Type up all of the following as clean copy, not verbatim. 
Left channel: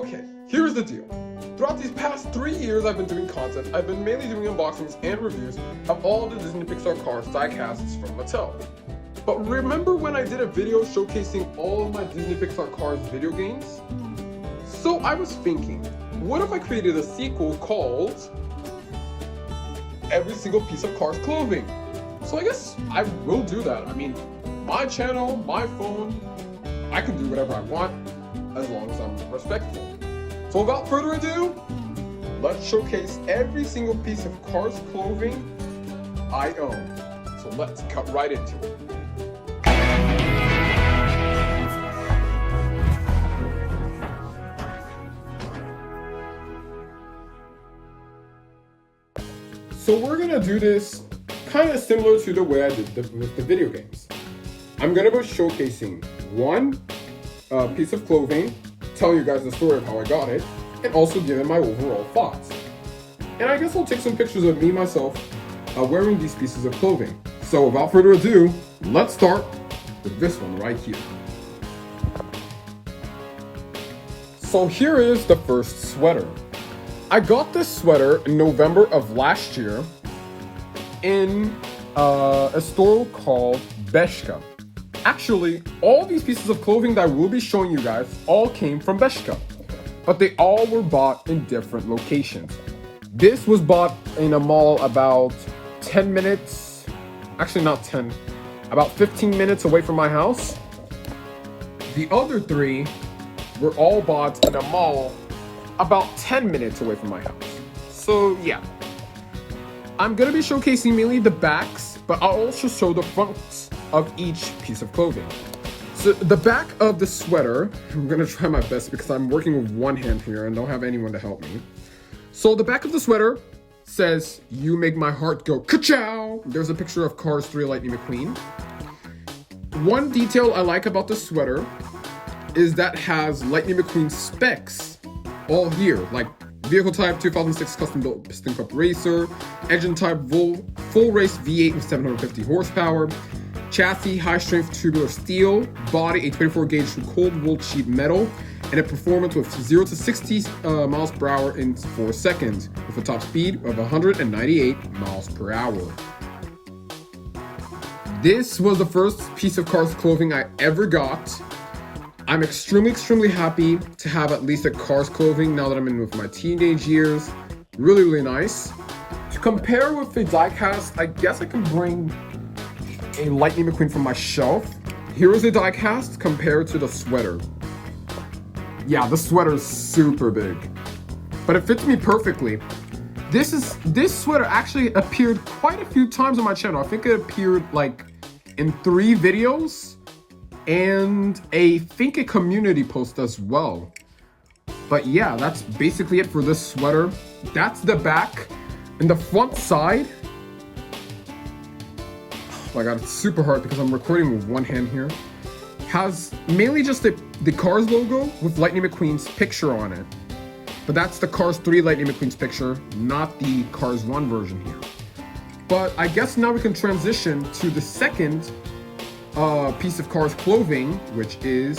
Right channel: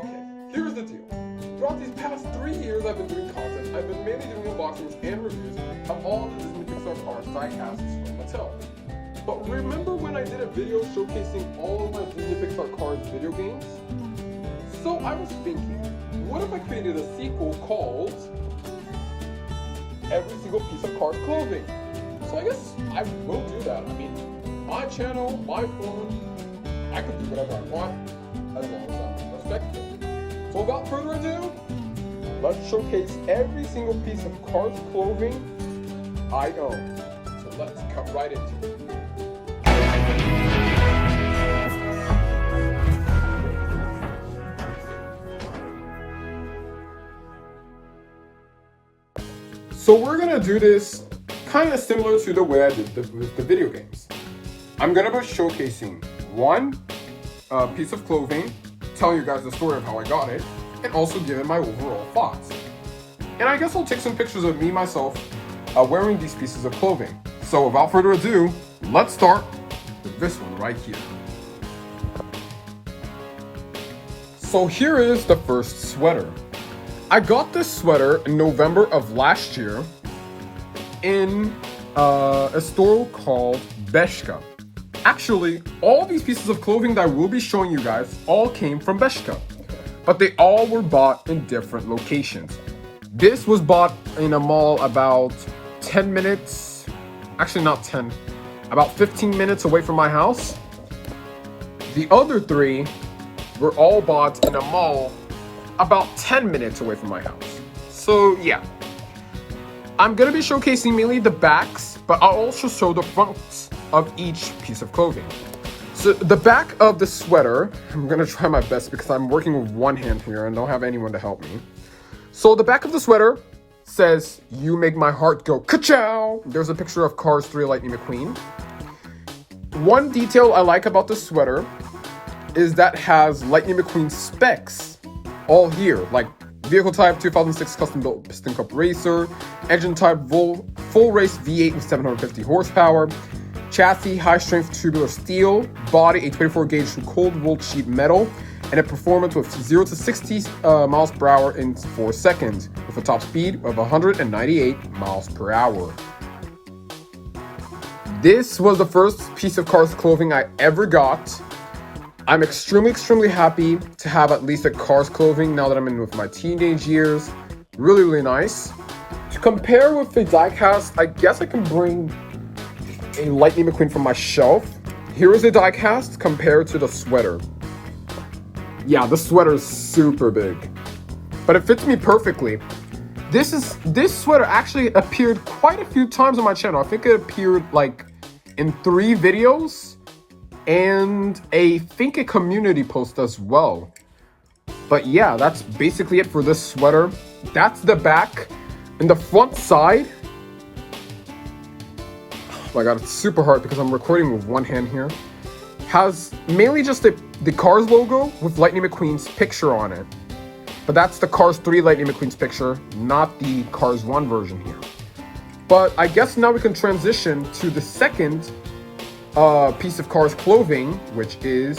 Okay, here's the deal. Throughout these past 3 years I've been doing content, I've been mainly doing unboxings and reviews of all the Disney Pixar cars diecasts from Mattel. But remember when I did a video showcasing all of my Disney Pixar Cars video games? So I was thinking, what if I created a sequel called Every Single Piece of Cars Clothing? So I guess I will do that. I mean, my channel, my phone, I can do whatever I want as long as I'm respectful. So without further ado, let's showcase every single piece of Cars clothing I own. So let's cut right into it. So we're gonna do this kind of similar to the way I did with the video games. I'm gonna be showcasing one piece of clothing, tell you guys the story of how I got it, and also giving my overall thoughts. And I guess I'll take some pictures of me myself wearing these pieces of clothing. So without further ado, let's start with this one right here. So here is the first sweater. I got this sweater in November of last year in a store called Bershka. Actually, all these pieces of clothing that I will be showing you guys all came from Bershka, but they all were bought in different locations. This was bought in a mall about 10 minutes, actually not 10, about 15 minutes away from my house. The other three were all bought in a mall about 10 minutes away from my house. So yeah, I'm gonna be showcasing mainly the backs, but I'll also show the fronts of each piece of clothing. So the back of the sweater, I'm gonna try my best because I'm working with one hand here and don't have anyone to help me. So the back of the sweater says, "You make my heart go ka-chow." There's a picture of Cars 3 Lightning McQueen. One detail I like about the sweater is that has Lightning McQueen specs all here, like vehicle type 2006 custom built piston cup racer, engine type full race V8 with 750 horsepower, chassis high strength tubular steel, body a 24 gauge cold rolled sheet metal, and a performance with 0 to 60 miles per hour in 4 seconds with a top speed of 198 miles per hour. This was the first piece of Cars clothing I ever got. I'm extremely happy to have at least a Cars clothing now that I'm in with my teenage years. Really nice. To compare with the diecast, I guess I can bring a Lightning McQueen from my shelf. Here is a diecast compared to the sweater. Yeah, the sweater is super big, but it fits me perfectly. This sweater actually appeared quite a few times on my channel. I think it appeared like in 3 videos. And I think a community post as well. But yeah, that's basically it for this sweater. That's the back. And the front side, oh my god, it's super hard because I'm recording with one hand here, has mainly just the Cars logo with Lightning McQueen's picture on it. But that's the Cars 3 Lightning McQueen's picture, not the Cars 1 version here. But I guess now we can transition to the second piece of Cars clothing, which is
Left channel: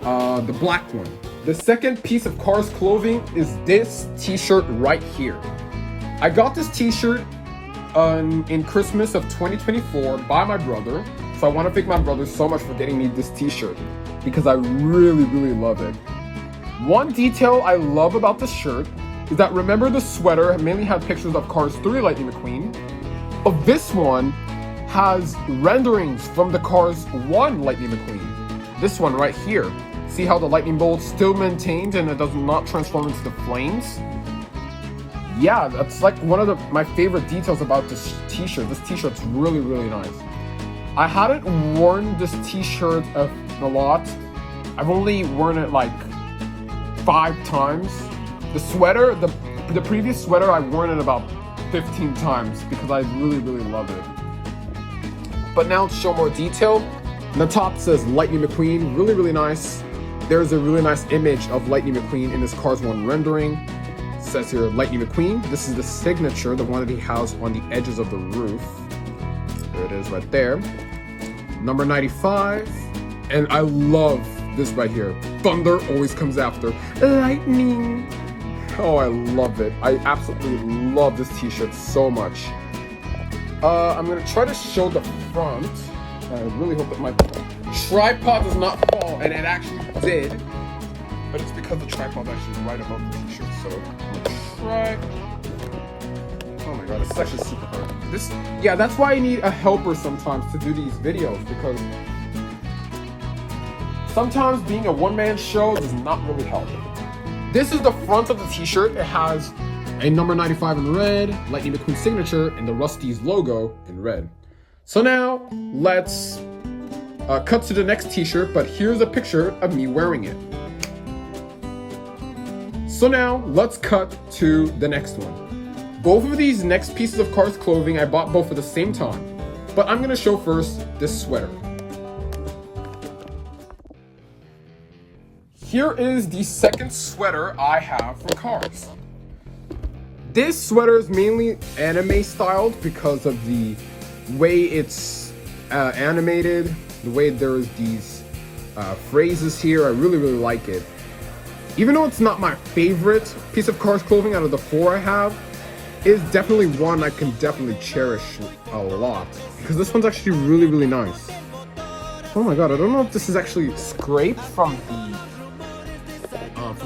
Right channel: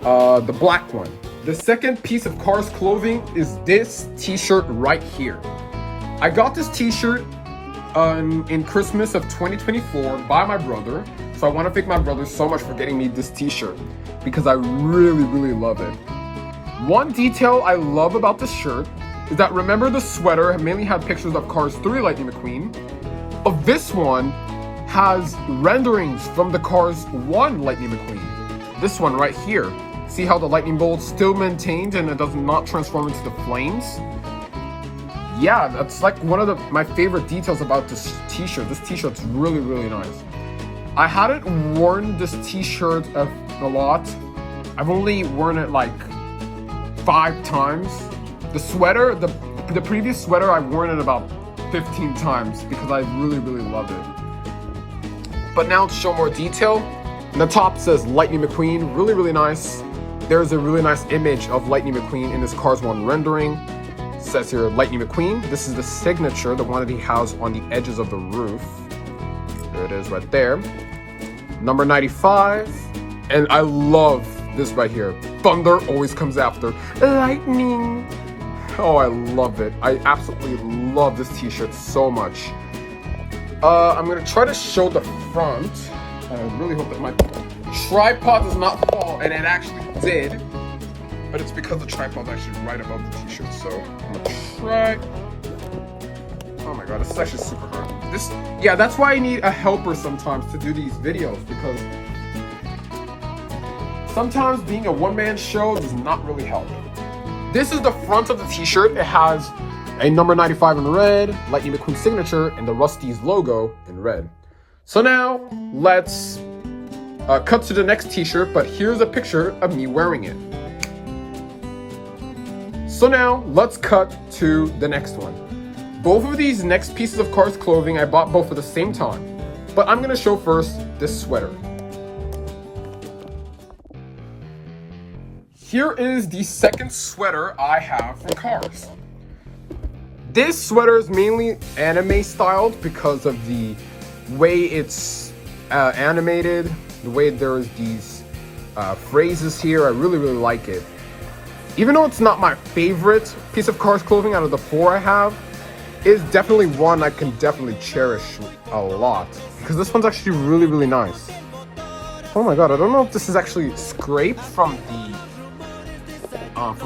the black one. The second piece of Cars clothing is this t-shirt right here. I got this t-shirt in Christmas of 2024 by my brother, so I want to thank my brother so much for getting me this t-shirt because I really love it. One detail I love about this shirt is that, remember the sweater mainly had pictures of Cars 3 Lightning McQueen? Of this one has renderings from the Cars 1 Lightning McQueen. This one right here. See how the lightning bolt still maintained and it does not transform into the flames? Yeah, that's like one of my favorite details about this t-shirt. This t-shirt's really nice. I hadn't worn this t-shirt a lot. I've only worn it like 5 times. The sweater, the previous sweater, I've worn it about 15 times because I really love it. But now to show more detail, the top says Lightning McQueen, really nice. There's a really nice image of Lightning McQueen in this Cars 1 rendering. It says here Lightning McQueen. This is the signature, the one that he has on the edges of the roof. There it is right there. Number 95. And I love this right here. thunder always comes after lightning. Oh, I love it. I absolutely love this t-shirt so much. I'm gonna try to show the front. I really hope that my tripod does not fall, and it actually did. But it's because the tripod actually right above the t-shirt, so I'm gonna try. Oh my god, this is actually super good. Yeah, that's why I need a helper sometimes to do these videos, because sometimes being a one-man show does not really help. This is the front of the t-shirt. It has a number 95 in red, Lightning McQueen signature, and the Rust-eze logo in red. So now, let's cut to the next t-shirt, but here's a picture of me wearing it. So now, let's cut to the next one. Both of these next pieces of Cars clothing, I bought both at the same time. But I'm gonna show first this sweater. Here is the second sweater I have from Cars. This sweater is mainly anime styled because of the way it's animated, the way there's these phrases here. I really like it. Even though it's not my favorite piece of Cars clothing out of the 4 I have, it's definitely one I can definitely cherish a lot, because this one's actually really nice. Oh my god, I don't know if this is actually scraped from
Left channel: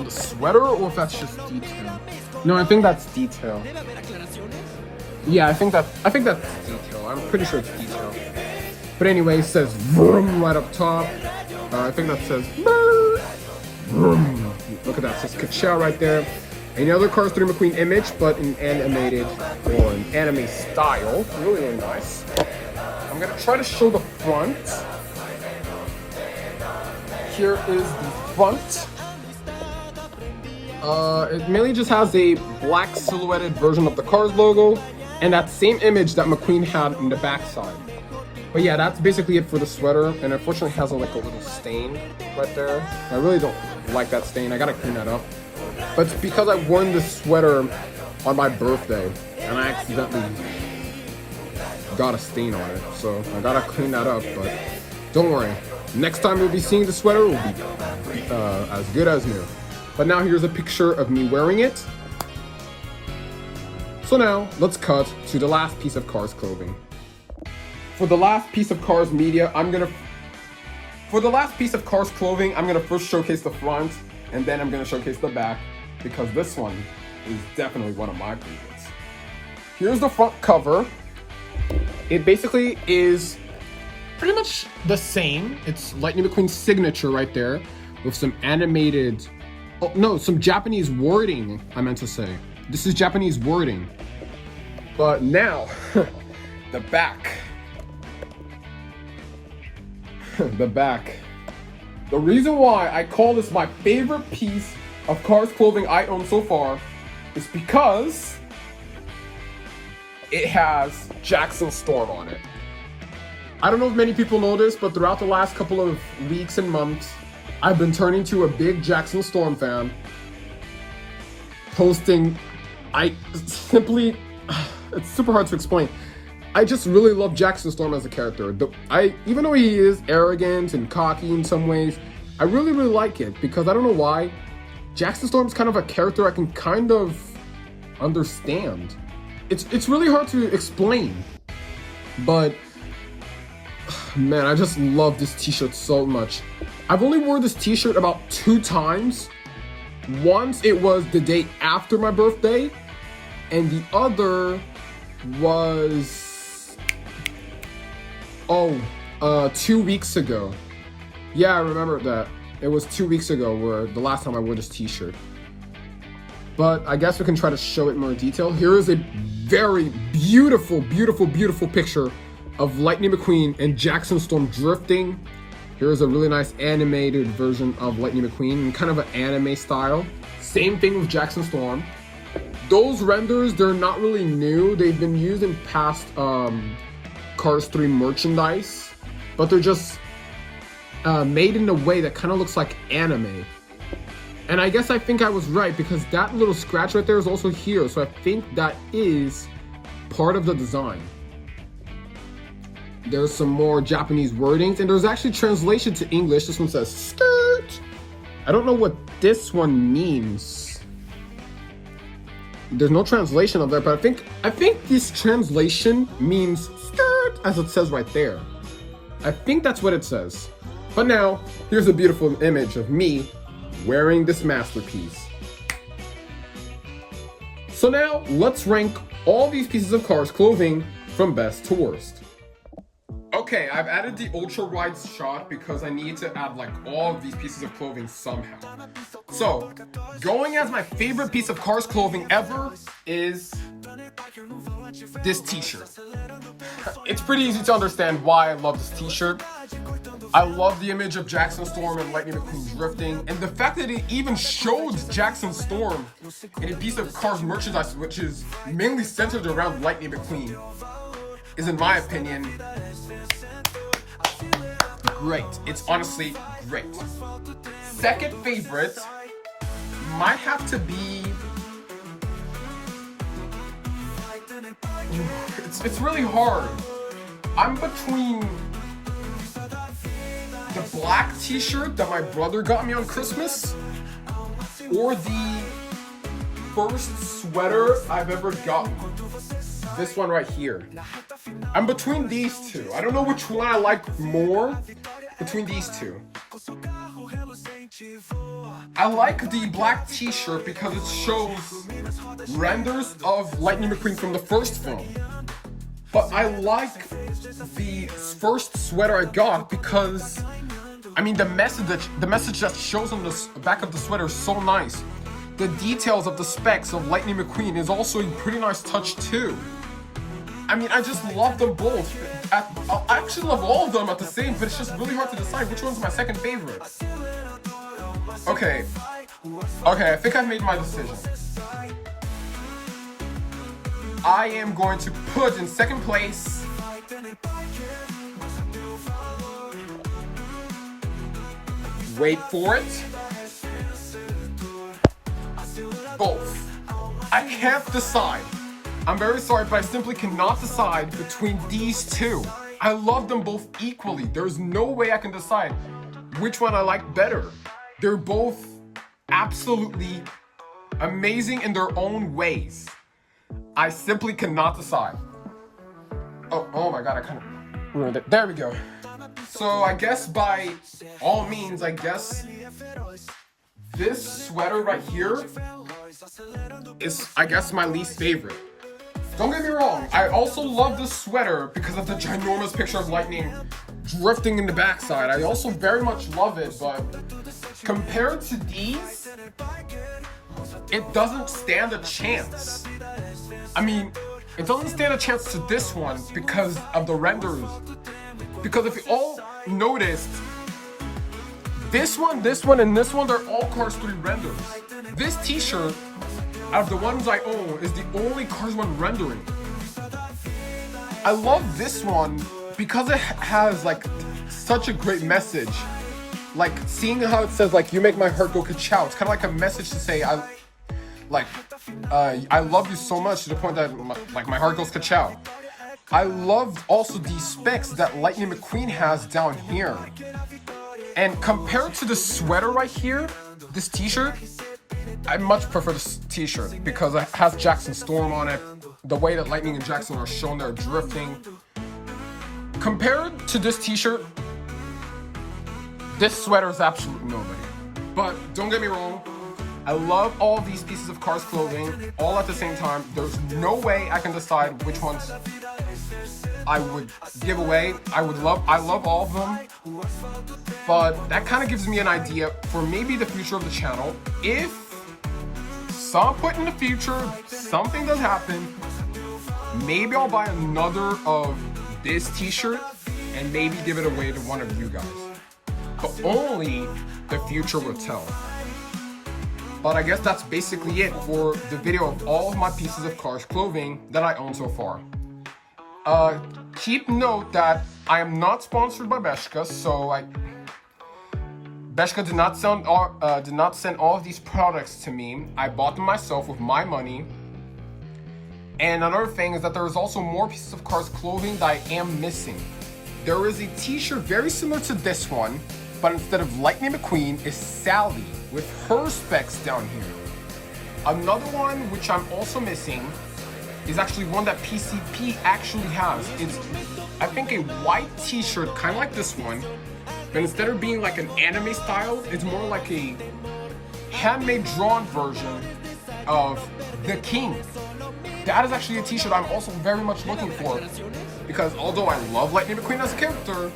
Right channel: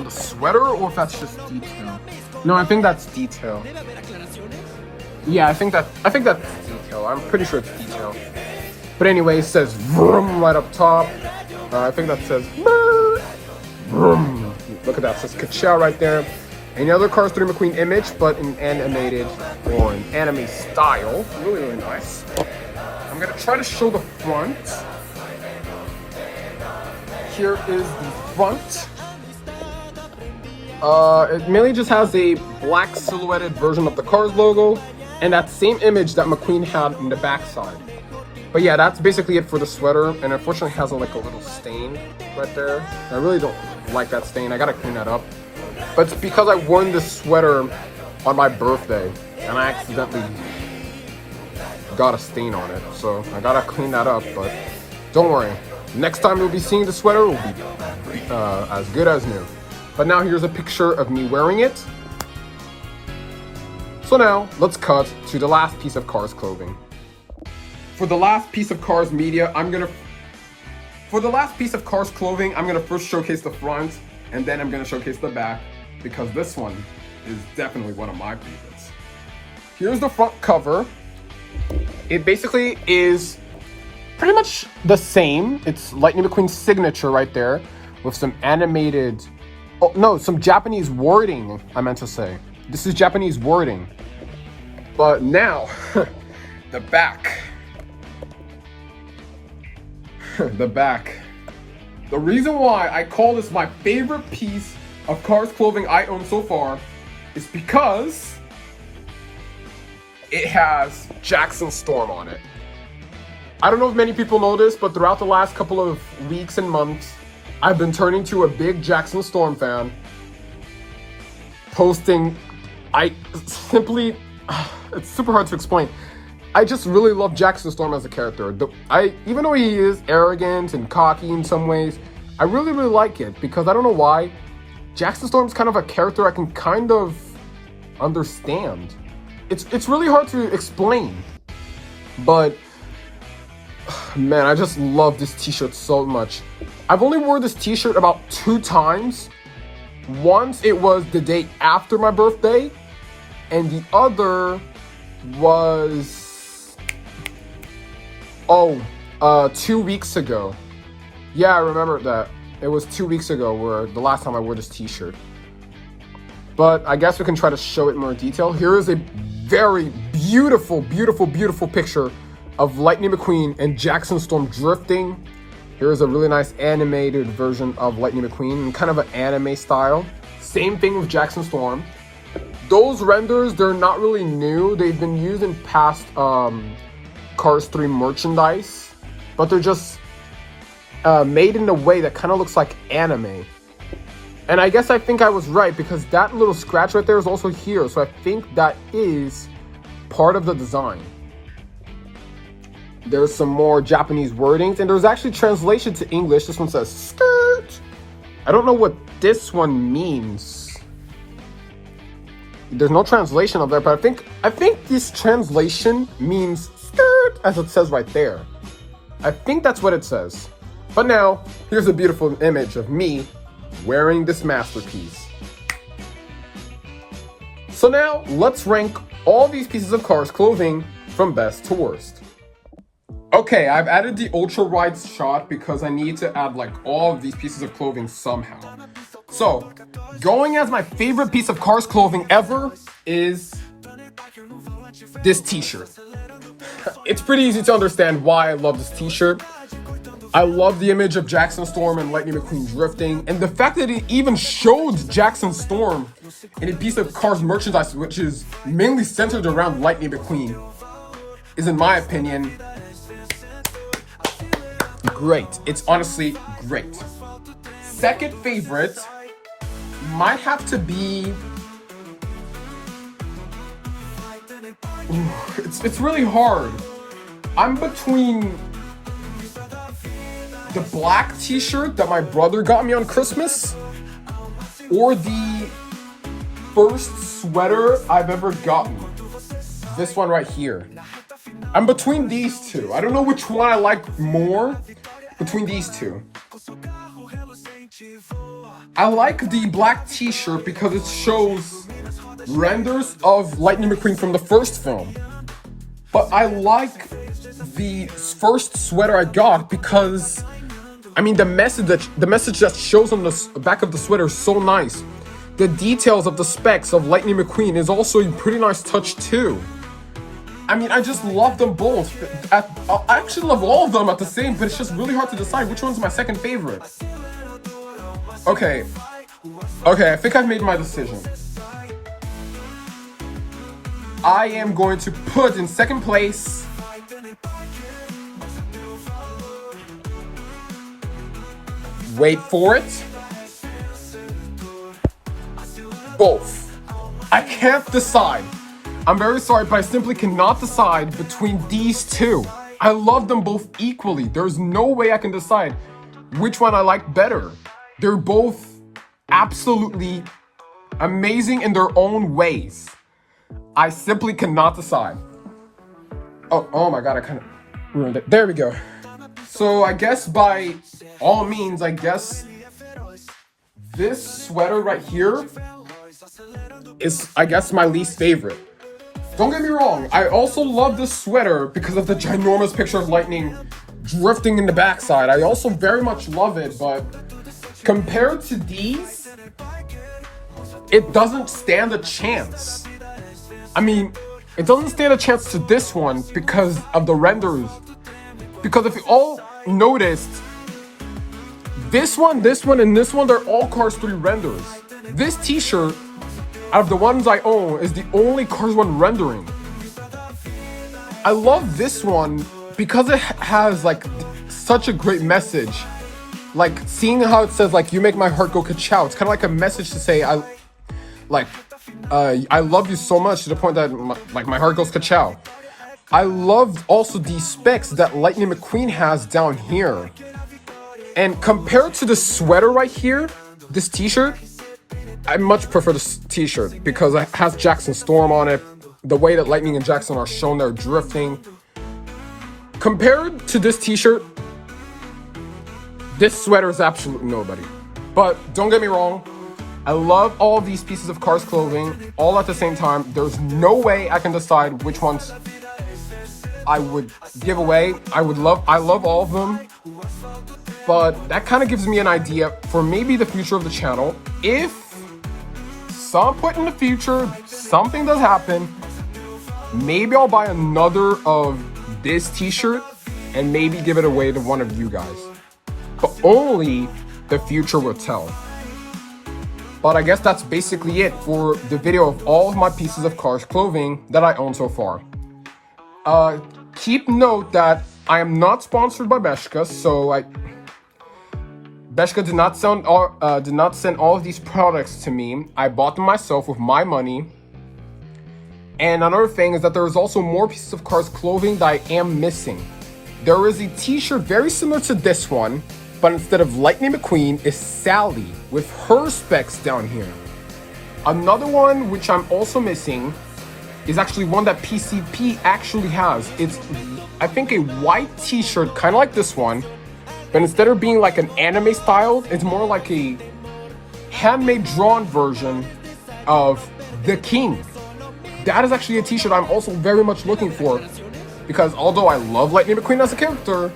the sweater, or if that's just detail. No, I think that's detail. Yeah, I think that's detail. I'm pretty sure it's detail. But anyway, it says vroom right up top. I think that says vroom. Look at that, it says Ka-chow right there. Another Cars 3 McQueen image, but in animated or in anime style. Really nice. I'm gonna try to show the front. Here is the front. It mainly just has a black silhouetted version of the Cars logo and that same image that McQueen had in the backside. But yeah, that's basically it for the sweater, and unfortunately it has like a little stain right there. I really don't like that stain. I gotta clean that up. But it's because I wore this sweater on my birthday and I accidentally got a stain on it, so I gotta clean that up. But don't worry, next time you'll be seeing the sweater will be as good as new. But now here's a picture of me wearing it. So now, let's cut to the last piece of Cars clothing. For the last piece of Cars media, I'm gonna first showcase the front, and then I'm gonna showcase the back, because this one is definitely one of my favorites. Here's the front cover. It basically is pretty much the same. It's Lightning McQueen's signature right there, with some animated, oh no, some Japanese wording, I meant to say. This is Japanese wording. But now, the back. The back. The reason why I call this my favorite piece of Cars clothing I own so far is because it has Jackson Storm on it. I don't know if many people know this, but throughout the last couple of weeks and months, I've been turning to a big Jackson Storm fan, posting, it's super hard to explain. I just really love Jackson Storm as a character. Even though he is arrogant and cocky in some ways, I really like it, because I don't know why. Jackson Storm's kind of a character I can kind of understand. It's really hard to explain, but man, I just love this t-shirt so much. I've only worn this t-shirt about 2 times. Once it was the day after my birthday, and the other was 2 weeks ago. Yeah, I remember that. It was 2 weeks ago where the last time I wore this t-shirt. But I guess we can try to show it in more detail. Here is a very beautiful picture of Lightning McQueen and Jackson Storm drifting. Here's a really nice animated version of Lightning McQueen in kind of an anime style. Same thing with Jackson Storm. Those renders, they're not really new. They've been used in past Cars 3 merchandise, but they're just made in a way that kind of looks like anime. And I guess I think I was right, because that little scratch right there is also here, so I think that is part of the design. There's some more Japanese wordings, and there's actually translation to English. This one says skirt. I don't know what this one means. There's no translation of that, but I think this translation means skirt, as it says right there. I think that's what it says. But now, here's a beautiful image of me wearing this masterpiece. So now, let's rank all these pieces of Cars clothing from best to worst. Okay, I've added the ultra wide shot because I need to add like all of these pieces of clothing somehow. So, going as my favorite piece of Cars clothing ever is this t-shirt. It's pretty easy to understand why I love this t-shirt. I love the image of Jackson Storm and Lightning McQueen drifting, and the fact that it even showed Jackson Storm in a piece of Cars merchandise which is mainly centered around Lightning McQueen is, in my opinion, great. It's honestly great. Second favorite might have to be... It's really hard. I'm between the black t-shirt that my brother got me on Christmas or the first sweater I've ever gotten. This one right here. I'm between these two. I don't know which one I like more between these two. I like the black t-shirt because it shows renders of Lightning McQueen from the first film. But I like the first sweater I got because, I mean, the message that shows on the back of the sweater is so nice. The details of the specs of Lightning McQueen is also a pretty nice touch too. I mean, I just love them both. I actually love all of them at the same, but it's just really hard to decide which one's my second favorite. Okay, I think I've made my decision. I am going to put in second place wait for it, both. I can't decide. I'm very sorry, but I simply cannot decide between these two. I love them both equally. There's no way I can decide which one I like better. They're both absolutely amazing in their own ways. I simply cannot decide. Oh my god, I kind of ruined it. There we go. So I guess by all means, I guess this sweater right here is, I guess, my least favorite. Don't get me wrong, I also love this sweater because of the ginormous picture of Lightning drifting in the backside. I also very much love it, but compared to these, it doesn't stand a chance. I mean, it doesn't stand a chance to this one because of the renders. Because if you all noticed, this one, and this one, they're all Cars 3 renders. This t-shirt, out of the ones I own, is the only Cars 1 rendering. I love this one because it has like such a great message. Like seeing how it says like, you make my heart go ka-chow. It's kind of like a message to say I love you so much to the point that my heart goes ka-chow. I love also the specs that Lightning McQueen has down here. And compared to the sweater right here, this t-shirt, I much prefer this t-shirt because it has Jackson Storm on it. The way that Lightning and Jackson are shown there drifting. Compared to this t-shirt, this sweater is absolutely nobody. But don't get me wrong, I love all these pieces of Cars clothing all at the same time. There's no way I can decide which ones I would give away. I love all of them. But that kind of gives me an idea for maybe the future of the channel. If some point in the future something does happen, maybe I'll buy another of this t-shirt and maybe give it away to one of you guys. But only the future will tell. But I guess that's basically it for the video of all of my pieces of Cars clothing that I own so far. Keep note that I am not sponsored by Bershka, so Bershka did not send all of these products to me. I bought them myself with my money. And another thing is that there is also more pieces of Cars clothing that I am missing. There is a t-shirt very similar to this one, but instead of Lightning McQueen, is Sally. with her specs down here. Another one which I'm also missing is actually one that PCP actually has. It's, I think, a white t-shirt, kind of like this one, but instead of being like an anime style, it's more like a handmade drawn version of The King. That is actually a t-shirt I'm also very much looking for, because although I love Lightning McQueen as a character,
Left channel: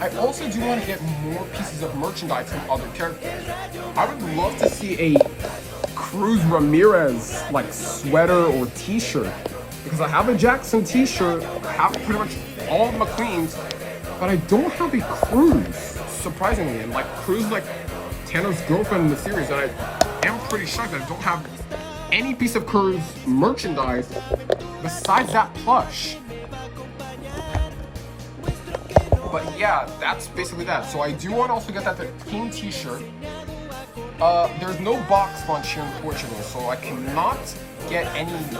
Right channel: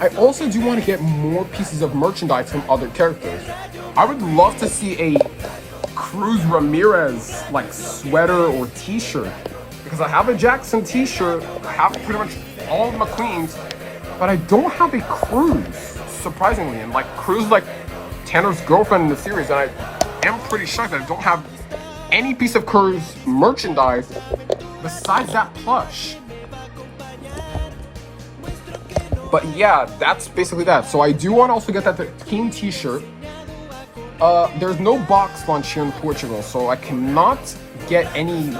I also do want to get more pieces of merchandise from other characters. I would love to see a Cruz Ramirez like sweater or t-shirt, because I have a Jackson t-shirt, I have pretty much all the McQueens, but I don't have a Cruz, surprisingly. And like Cruz is like Tanner's girlfriend in the series, and I am pretty shocked that I don't have any piece of Cruz merchandise besides that plush. But yeah, that's basically that. So I do want to also get that King t-shirt. There's no box lunch here in Portugal, so I cannot get any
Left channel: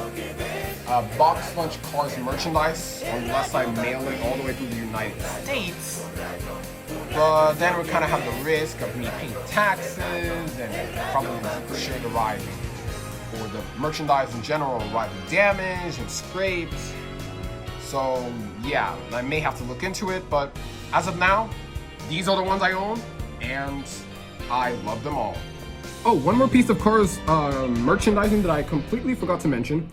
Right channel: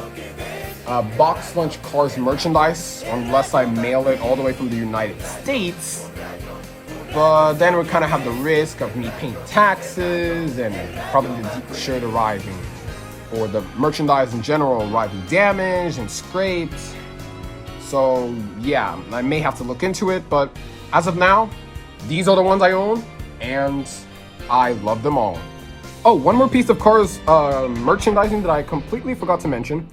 box lunch Cars merchandise unless I mail it all the way through the United States. But then we kind of have the risk of me paying taxes and probably the shirt arriving, or the merchandise in general arriving damaged and scraped. So yeah, I may have to look into it, but as of now, these are the ones I own, and I love them all. Oh, one more piece of Cars merchandising that I completely forgot to mention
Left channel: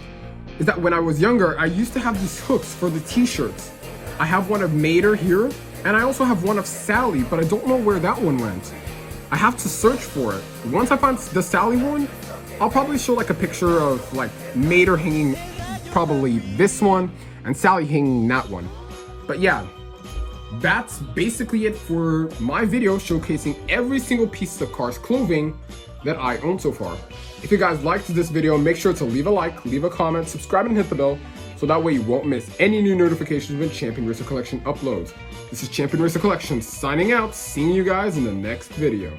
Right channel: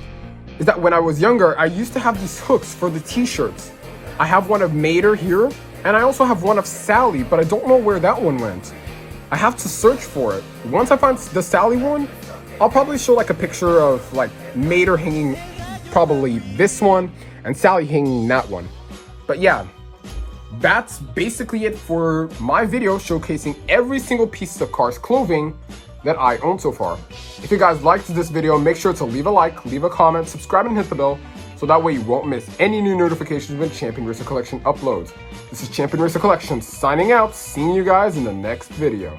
is that when I was younger, I used to have these hooks for the t-shirts. I have one of Mater here, and I also have one of Sally, but I don't know where that one went. I have to search for it. Once I find the Sally one, I'll probably show like a picture of like Mater hanging probably this one, and Sally hanging that one. But yeah, that's basically it for my video showcasing every single piece of Cars clothing that I own so far. If you guys liked this video, make sure to leave a like, leave a comment, subscribe, and hit the bell, so that way you won't miss any new notifications when Champion Racer Collection uploads. This is Champion Racer Collection signing out, seeing you guys in the next video.